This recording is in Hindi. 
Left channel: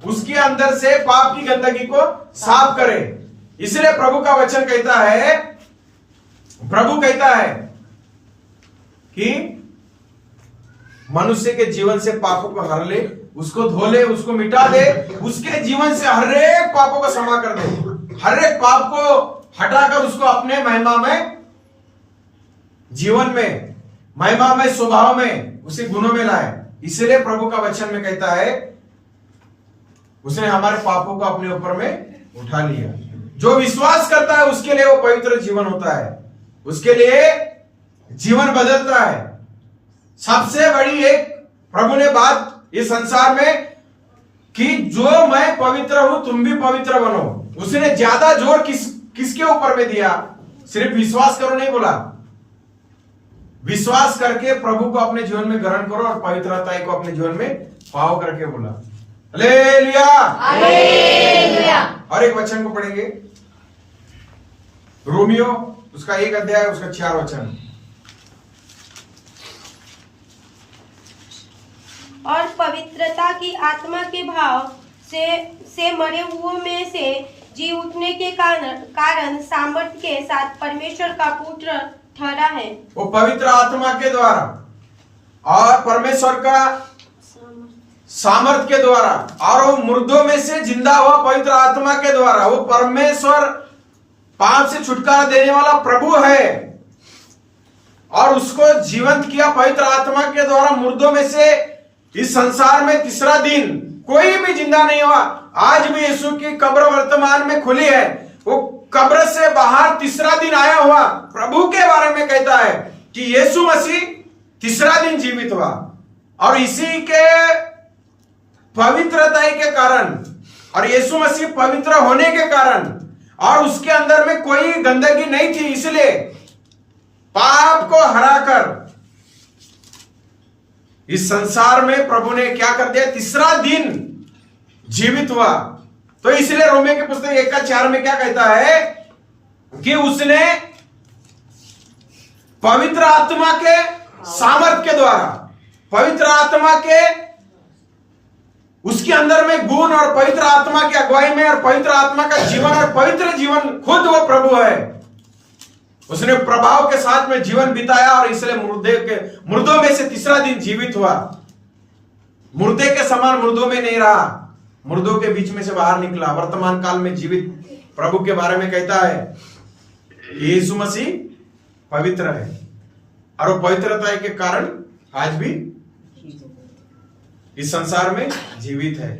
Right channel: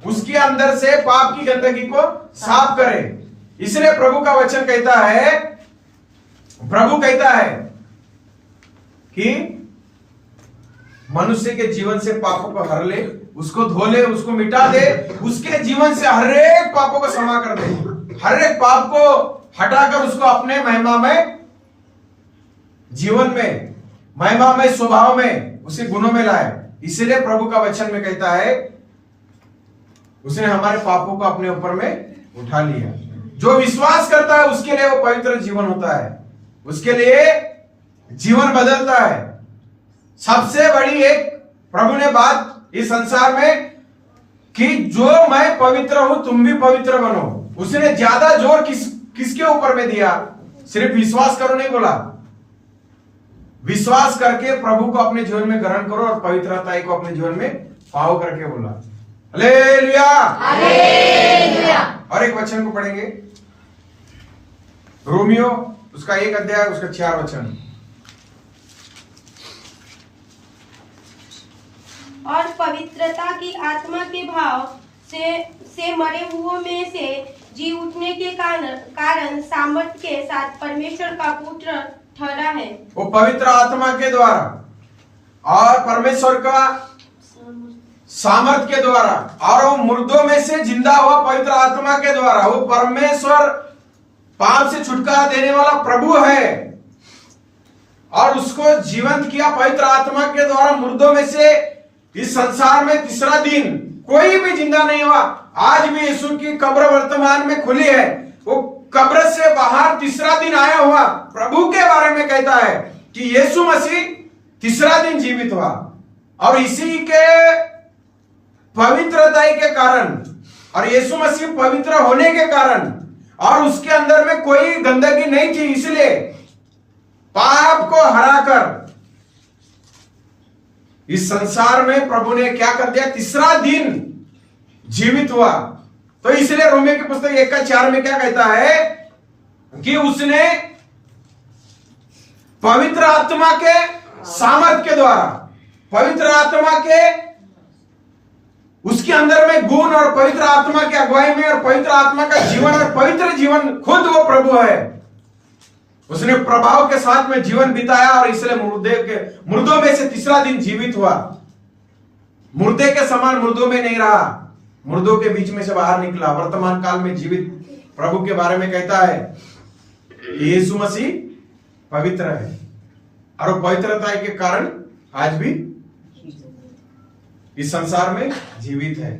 उसके अंदर से पाप की गंदगी को साफ करे। इसलिए प्रभु का वचन कहता है, प्रभु कहता है कि मनुष्य के जीवन से पापों को हर ले, उसको धो ले, उसको मिटा दे, उसके जीवन से हर एक पापों को क्षमा कर दे, हर एक पाप को हटाकर उसको अपने महिमामय जीवन में, महिमामय स्वभाव में, उसे गुणों में लाए। इसलिए प्रभु का वचन में कहता है उसने हमारे पापों को अपने ऊपर में उठा लिया। जो विश्वास करता है उसके लिए वो पवित्र जीवन होता है, उसके लिए जीवन बदलता है। सबसे बड़ी एक प्रभु ने बात इस संसार में कि जो मैं पवित्र हूं तुम भी पवित्र बनो, उसने ज्यादा जोर किसके ऊपर में दिया? सिर्फ विश्वास करो नहीं बोला, विश्वास करके प्रभु को अपने जीवन में ग्रहण करो और पवित्रता को अपने जीवन में पाओ करके बोला। Hallelujah, hallelujah. और एक वचन को पढ़ेंगे, रोमियो उसका 1 अध्याय उसका 4 वचन। और पवित्रता की आत्मा के भाव से मरे हुओं में से जी उठने के कारण सामर्थ्य के साथ परमेश्वर का पुत्र ठहरा है। वो पवित्र आत्मा के द्वारा और परमेश्वर का सामर्थ्य के द्वारा, और वो मुर्दों में से जिंदा हुआ पवित्र आत्मा के द्वारा। वो परमेश्वर पाप से छुटकारा देने वाला प्रभु है और उसको जीवंत किया पवित्र आत्मा के द्वारा मुर्दों में से। इस संसार में तीसरा दिन कोई भी जिंदा नहीं हुआ। आज भी यीशु की कब्र वर्तमान में खुली है, वो कब्र से बाहर तीसरा दिन आया हुआ प्रभु के बारे में कहता है कि यीशु मसीह तीसरा दिन जीवित हुआ। और इसी के पवित्रता के कारण और यीशु मसीह पवित्र होने के कारण और उसके अंदर में कोई गंदगी नहीं थी, इसलिए पाप को हराकर इस संसार में प्रभु ने क्या कर दिया? तीसरा दिन जीवित हुआ। तो इसलिए रोमियो की पुस्तक 1:4 में क्या कहता है कि उसने पवित्र आत्मा के सामर्थ्य के द्वारा, पवित्र आत्मा के उसके अंदर में गुण और पवित्र आत्मा की अगुवाई में और पवित्र आत्मा का जीवन और पवित्र जीवन खुद वो प्रभु है, उसने प्रभाव के साथ में जीवन बिताया और इसलिए मुर्दों में से तीसरा दिन जीवित हुआ। मुर्दे के समान मुर्दों में नहीं रहा, मुर्दों के बीच में से बाहर निकला। वर्तमान काल में जीवित प्रभु के बारे में कहता है कि यीशु मसीह पवित्र है और वो पवित्रता के कारण आज भी इस संसार में जीवित है।